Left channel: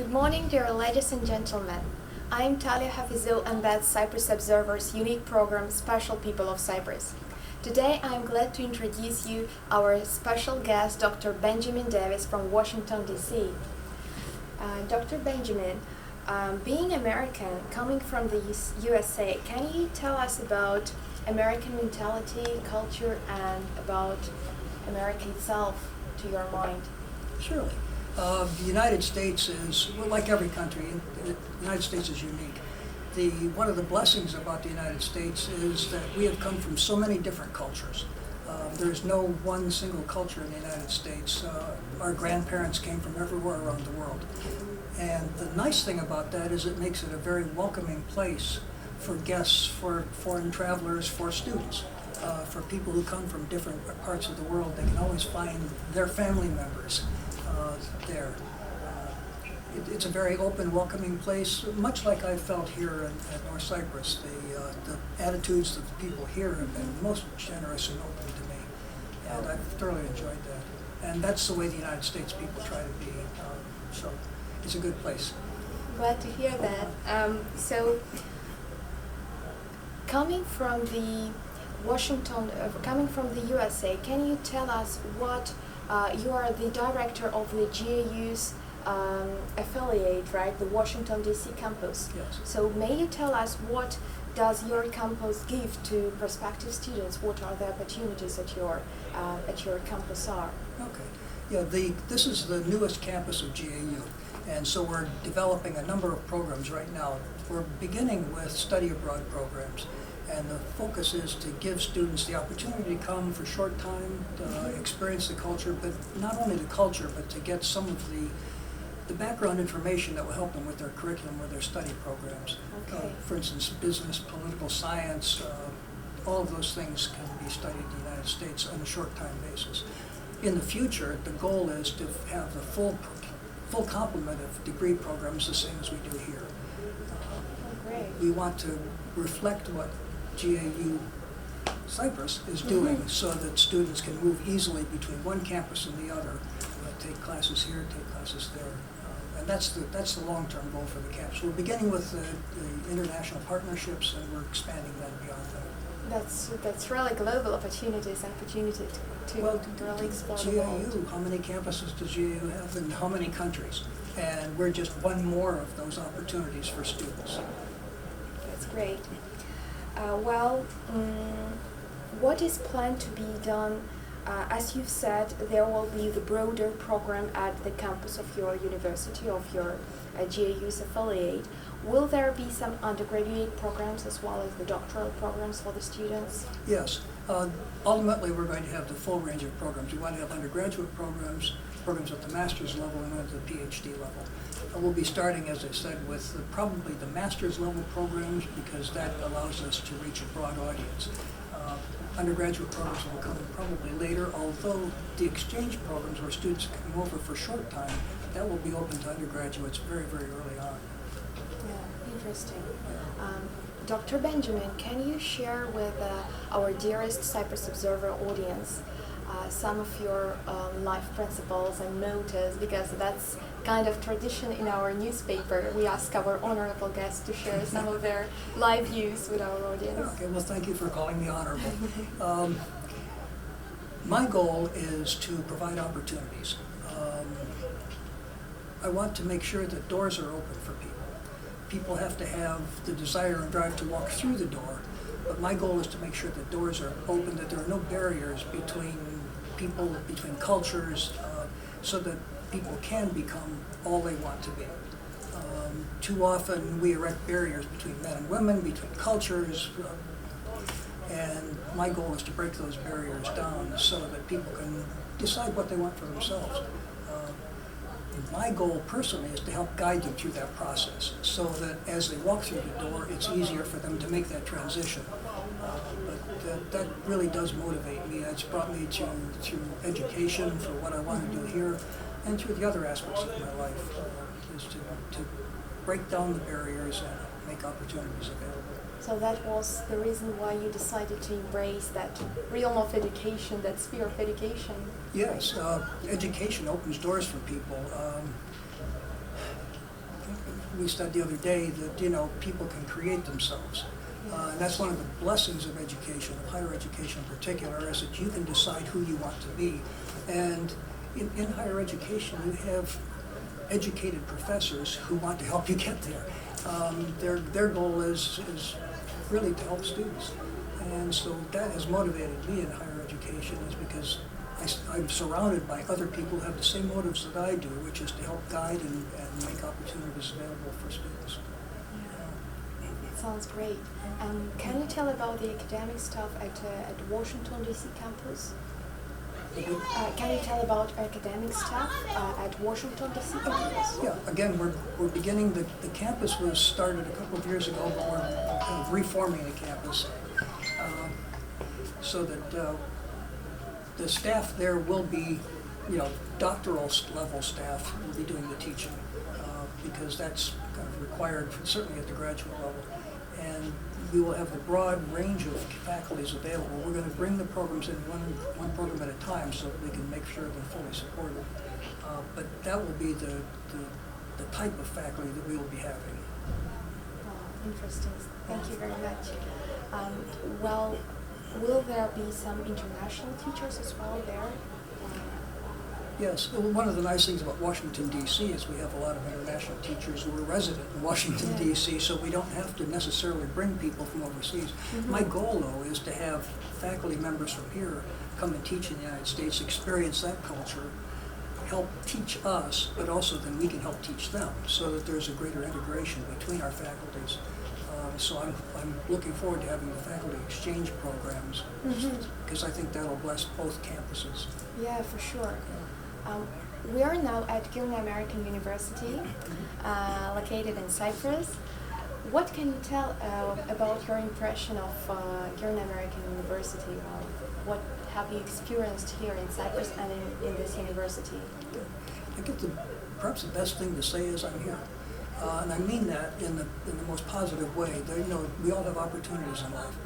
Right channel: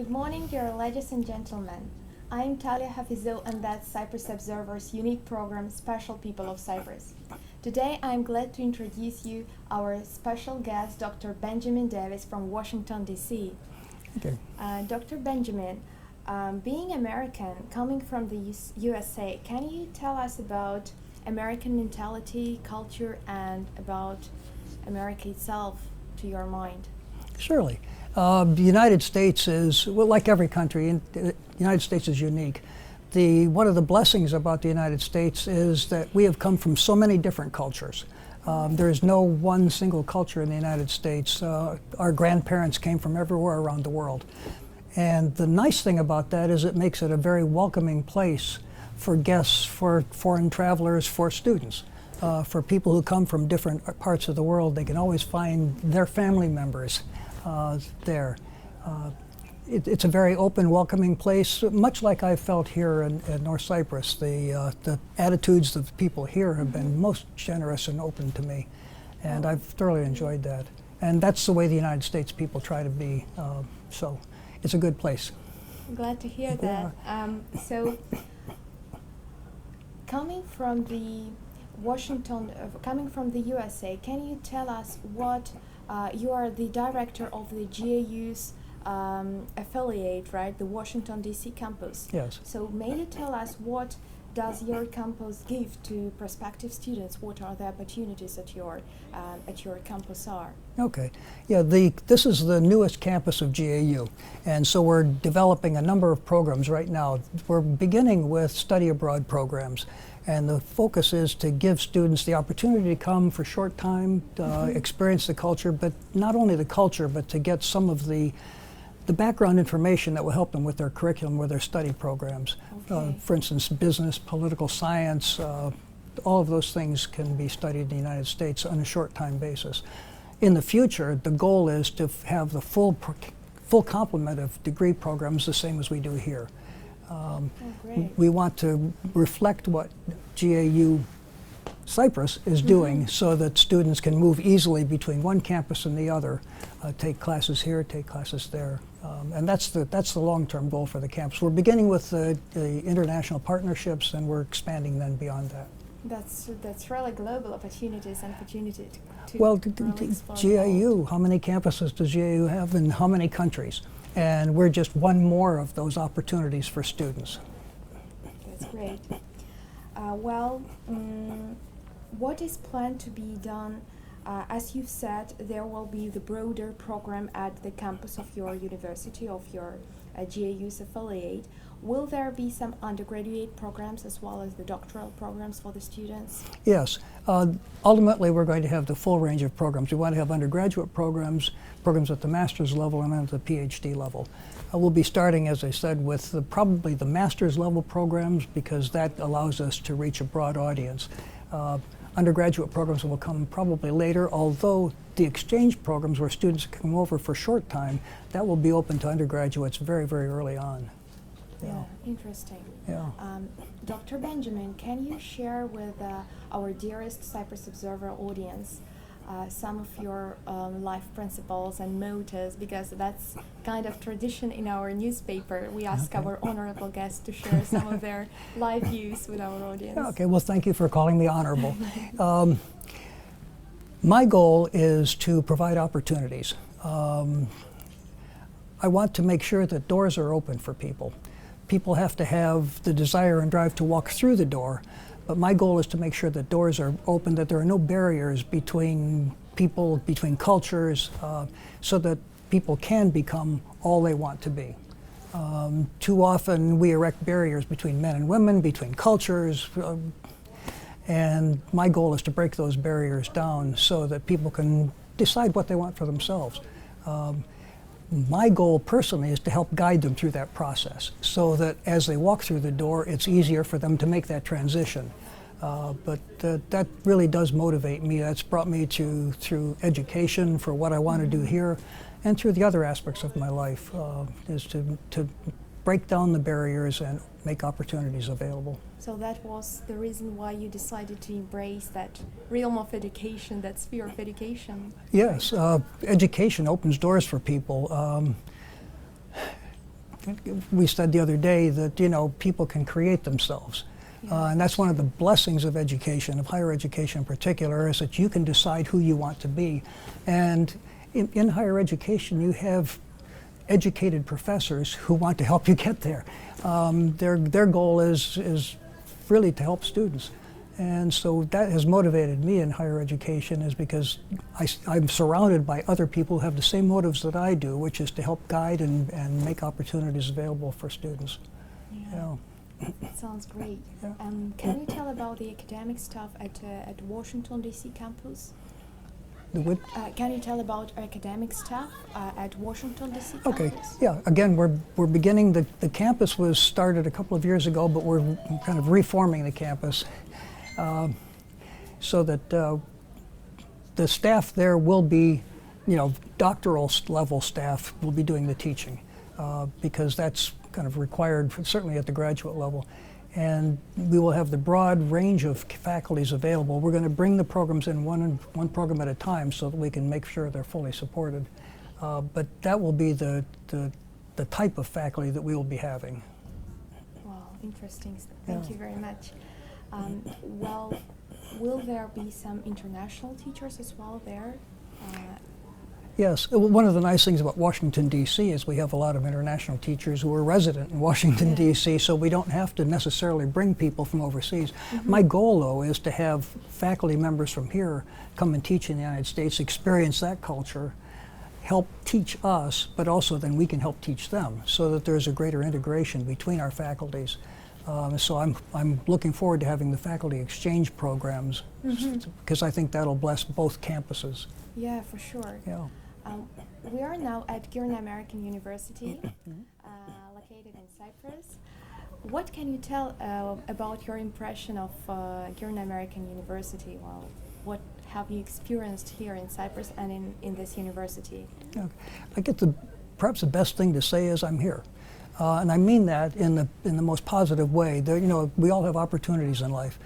Good morning, dear ladies and gentlemen. I'm Taliya Khafizou, and that's Cyprus Observer's unique program, Special People of Cyprus. Today, I'm glad to introduce you our special guest, Dr. Benjamin Davies from Washington DC. Okay. Dr. Benjamin, being American, coming from the USA, can you tell us about American mentality, culture, and about America itself to your mind? Surely. The United States is, well, like every country, the United States is unique. One of the blessings about the United States is that we have come from so many different cultures. There's no one single culture in the United States. Our grandparents came from everywhere around the world. And the nice thing about that is it makes it a very welcoming place for guests, for foreign travelers, for students. For people who come from different parts of the world, they can always find their family members there. It's a very open, welcoming place, much like I felt here in North Cyprus. The attitudes of the people here have been most generous and open to me, and I've thoroughly enjoyed that. And that's the way the United States people try to be, so it's a good place. Glad to hear that. So, coming from the coming from the USA, can you tell us what you are the director of the GAU's affiliate, right? The Washington DC campus. Yes. So may you tell us what does your campus give to prospective students? What are the opportunities at your campus are? Okay. Yeah, this is the newest campus of GAU, and so we're developing a number of programs right now. We're beginning with study abroad programs, and the focus is to give students the opportunity to come for short time, experience the culture, but not only the culture, but to get some of the background information that will help them with their curriculum, with their study programs. Okay. For instance, business, political science, all of those things can be studied in the United States on a short time basis. In the future, the goal is to have the full complement of degree programs the same as we do here. We want to reflect what GAU CyPruS is doing so that students can move easily between one campus and the other, take classes here, take classes there. And that's the long-term goal for the campus. We're beginning with the international partnerships, and we're expanding then beyond that. That's really global opportunities and opportunity to Well, really explore GAU, how many campuses does GAU have in how many countries? And we're just one more of those opportunities for students. That's great. What is planned to be done? As you've said, there will be the broader program at the campus of your university, of your GAU's affiliate. Will there be some undergraduate programs as well as the doctoral programs for the students? Yes. Ultimately, we're going to have the full range of programs. We want to have undergraduate programs at the master's level, and at the PhD level. We'll be starting, as I said, with probably the master's level programs, because that allows us to reach a broad audience. Undergraduate programs will come probably later, although the exchange programs where students come over for short time, that will be open to undergraduates very, very early on. Yeah, interesting. Yeah. Dr. Benjamin, can you share with our dearest Cyprus Observer audience some of your life principles and motives, because that's kind of tradition in our newspaper. We ask our honorable guests to share some of their life views with our audience. Okay, well, thank you for calling me honorable. My goal is to provide opportunities. I want to make sure that doors are open for people. People have to have the desire and drive to walk through the door, but my goal is to make sure that doors are open, that there are no barriers between people, between cultures, so that people can become all they want to be. Too often we erect barriers between men and women, between cultures, and my goal is to break those barriers down so that people can decide what they want for themselves. My goal personally is to help guide them through that process so that as they walk through the door, it's easier for them to make that transition. But that really does motivate me. That's brought me through education for what I want to do here, and through the other aspects of my life, is to break down the barriers and make opportunities available. So that was the reason why you decided to embrace that realm of education, that sphere of education? Yes, education opens doors for people. we said the other day that, you know, people can create themselves. And that's one of the blessings of education, of higher education in particular, is that you can decide who you want to be. And in higher education, you have educated professors who want to help you get there. Their goal is really to help students. And so that has motivated me in higher education, is because I'm surrounded by other people who have the same motives that I do, which is to help guide and make opportunities available for students. That sounds great. Can you tell about the academic stuff at Washington DC campus? Can you tell about academic stuff at Washington DC campus? Okay, yeah. Again, we're beginning, the campus was started a couple of years ago, but we're kind of reforming the campus so that the staff there will be, you know, doctoral level staff will be doing the teaching because that's kind of required, certainly at the graduate level. And we will have the broad range of faculties available. We're going to bring the programs in one program at a time so that we can make sure they're fully supported. But that will be the type of faculty that we will be having. Oh, interesting. Thank you very much. Well, will there be some international teachers as well there? Yes, one of the nice things about Washington, D.C. is we have a lot of international teachers who are resident in Washington, D.C., so we don't have to necessarily bring people from overseas. My goal, though, is to have faculty members from here come and teach in the United States, experience that culture, help teach us, but also then we can help teach them so that there's a greater integration between our faculties. So I'm looking forward to having the faculty exchange programs because I think that'll bless both campuses. Yeah, for sure. Yeah. We are now at Girne American University, located in Cyprus. What can you tell about your impression of Girne American University? What have you experienced here in Cyprus and in this university? I get perhaps the best thing to say is I'm here. And I mean that in the most positive way. You know, we all have opportunities in life.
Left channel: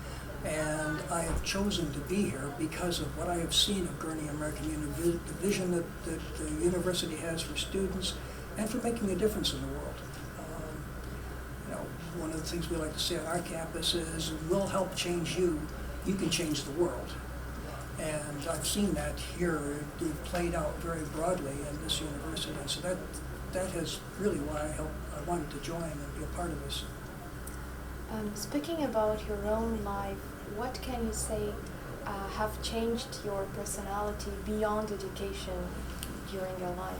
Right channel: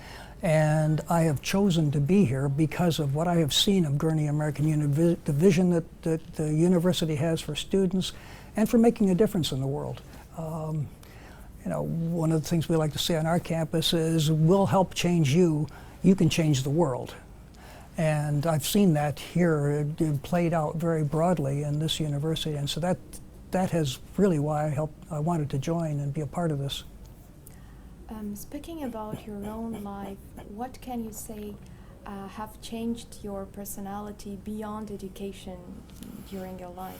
And I have chosen to be here because of what I have seen of Girne American University, the vision that the university has for students and for making a difference in the world. You know, one of the things we like to say on our campus is, we'll help change you, you can change the world. And I've seen that here played out very broadly in this university. And so that has really why I wanted to join and be a part of this. Speaking about your own life, what can you say have changed your personality beyond education during your life?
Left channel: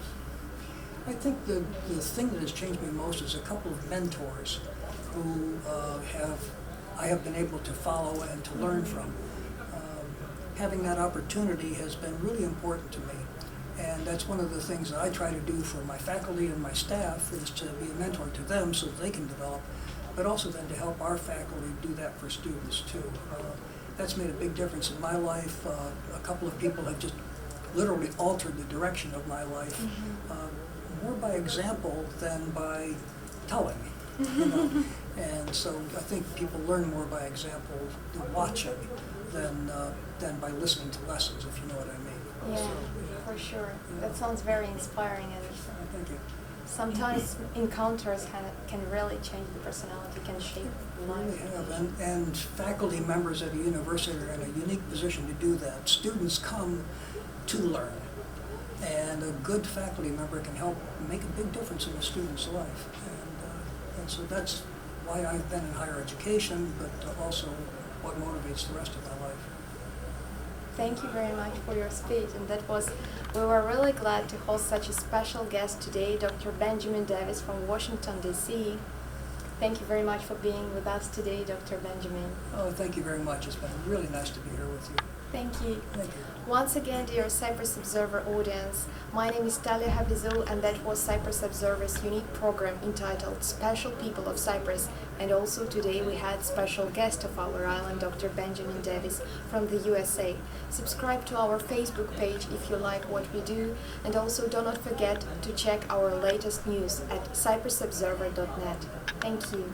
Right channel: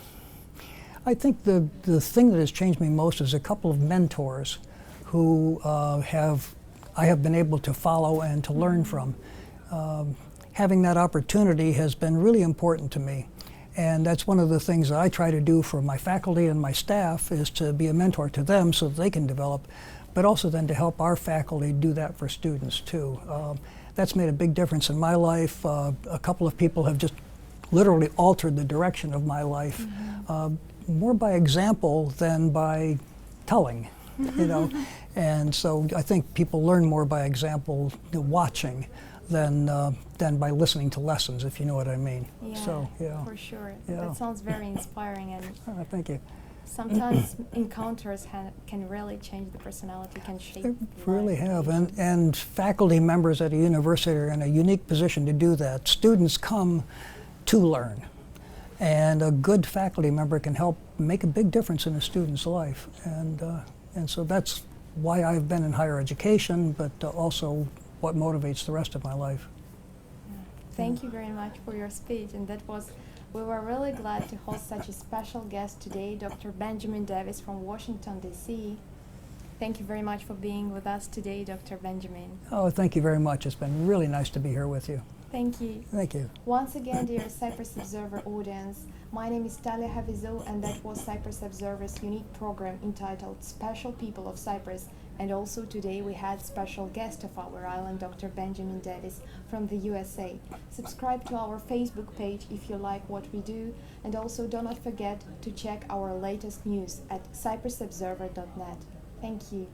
I think the thing that has changed me most is a couple of mentors who I have been able to follow and to learn from. Having that opportunity has been really important to me. And that's one of the things that I try to do for my faculty and my staff, is to be a mentor to them so that they can develop, but also then to help our faculty do that for students too. That's made a big difference in my life. A couple of people have just literally altered the direction of my life, more by example than by telling, you know. And so I think people learn more by example, watching, than by listening to lessons, if you know what I mean. Yeah, so, for sure. Yeah. That sounds very inspiring. And thank you. Sometimes encounters can really change the personality, can shape They really have, and faculty members at a university are in a unique position to do that. Students come to learn, and a good faculty member can help make a big difference in a student's life. And so that's why I've been in higher education, but also what motivates the rest of my life. Thank you very much for your speech, and we were really glad to host such a special guest today, Dr. Benjamin Davies from Washington, DC. Thank you very much for being with us today, Dr. Benjamin. Oh, thank you very much. It's been really nice to be here with you. Thank you. Thank you. Once again, dear Cyprus Observer audience, my name is Taliya Khafizou, and that was Cyprus Observer's unique program entitled Special People of Cyprus. And also today we had special guest of our island, Dr. Benjamin Davies from the USA. Subscribe to our Facebook page if you like what we do, and also do not forget to check our latest news at cyprusobserver.net. Thank you.